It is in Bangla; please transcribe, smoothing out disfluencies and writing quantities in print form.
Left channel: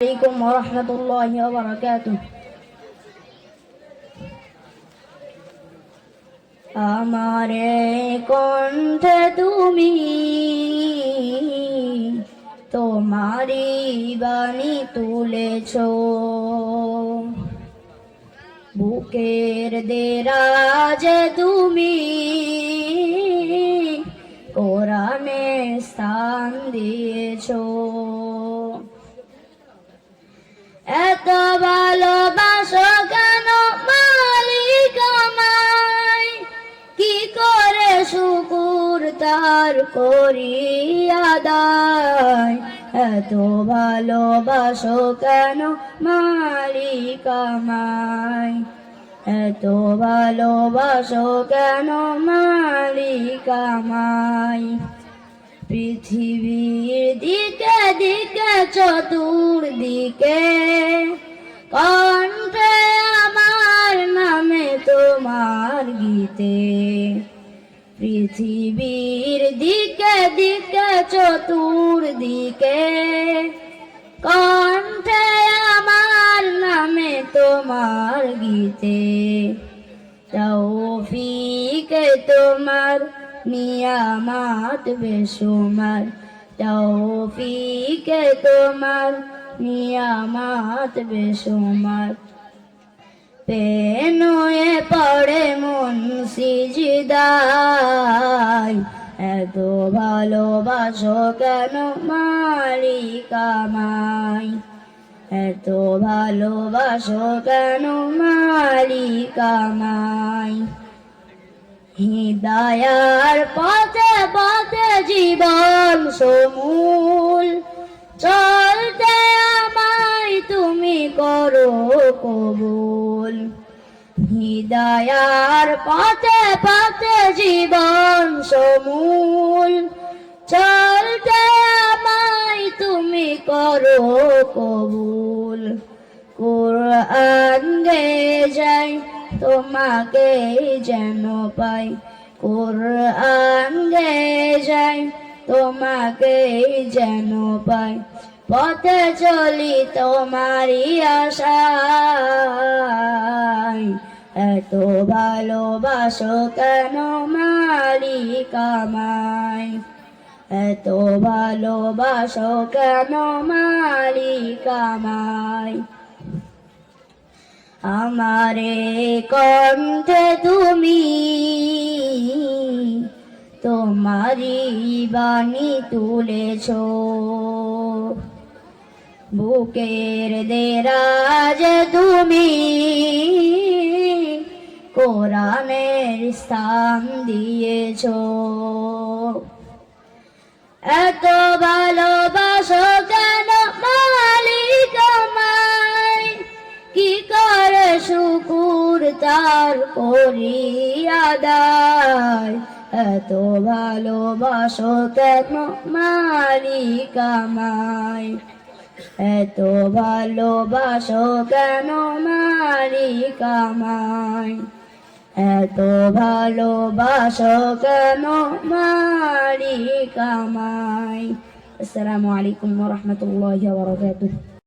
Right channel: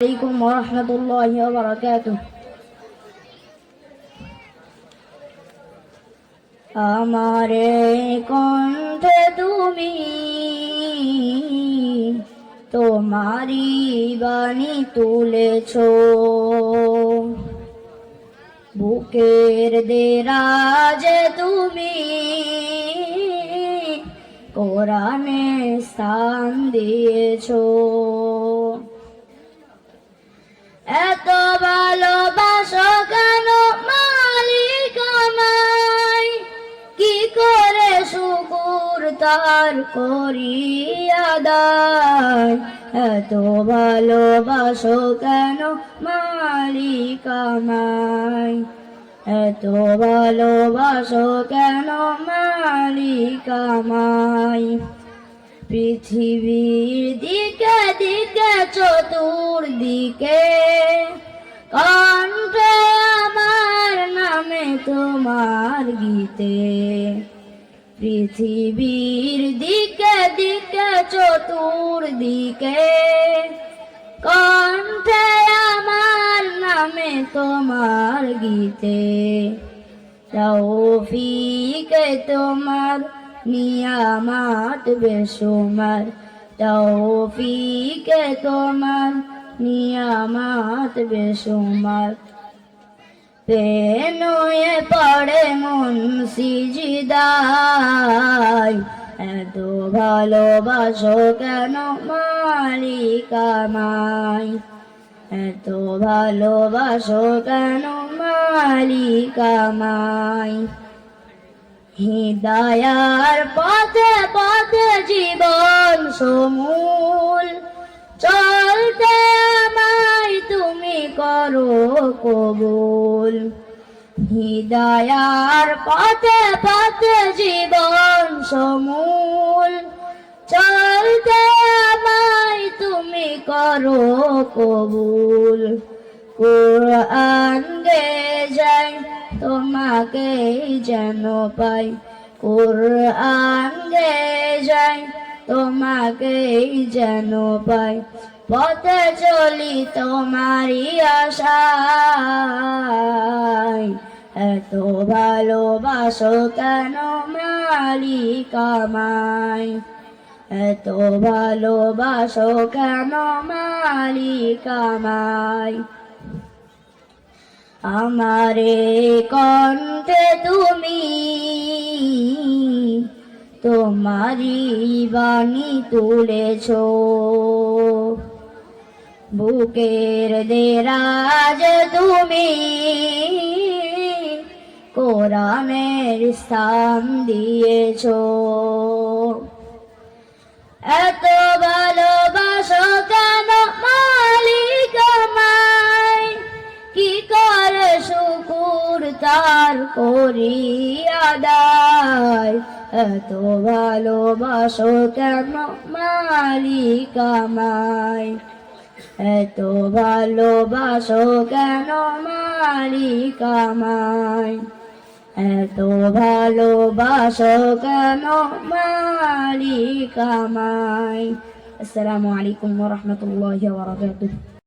عليكم ورحمة الله وبركاته। আমারে কণ্ঠে তুমি তোমারি বাণী তুলেছ, বুকের দেরাজে তুমি কোরআনে স্থান দিয়েছ। এত ভালোবাসো কেন মালিক আমায়, কি করে শুকুর তার করি আদায়। এত ভালোবাসো কেন মালিক আমায়, এত ভালোবাসো কেন মালিক আমায়। পৃথিবীর দিকে দিকে চতুর্দিকে কণ্ঠে আমার নামে তোমার গীতে। পৃথিবীর দিকে দিকে চতুর্দিকে কণ্ঠে আমার নামে তোমার গীতে। তৌফিকে তোমার নিয়ামত বেশুমার, তৌফিকে তোমার নিয়ামত বেশুমার। পেনুয়ে পড়ে মন সিজদায়, এত ভালোবাসো কেন মালিক আমায়, এত ভালোবাসো কেন মালিক আমায়। হিদায়ার পথে পথে জীবন সমূল চলতে আমায় তুমি করো কবুল। হিদায়ার পথে পথে জীবন সমূল চলতে আমায় তুমি করো কবুল। কুরআন গে যাই তোমাকে যেন পাই, কুরআন গে যাই তোমাকে যেন পাই। পথে চলি তোমারই আশায়, এত ভালোবাসো কেন মালিক আমায়, এত ভালোবাসো কেন মালিক আমায়। আমারে কণ্ঠে তুমি তোমারি বাণী তুলেছ, বুকের দেরাজে তুমি কোরআনের স্থান দিয়েছ। এত ভালোবাসো কেন মালিক আমায়, কি করে শুকুর তার করি আদায়। এত ভালোবাসো কেন মালিক আমায়, এত ভালোবাসো কেন মালিক আমায়, এত ভালোবাসো কেন মালিক আমায়। আসসালামু আলাইকুম ওয়া রাহমাতুল্লাহি ওয়া বারাকাতুহু।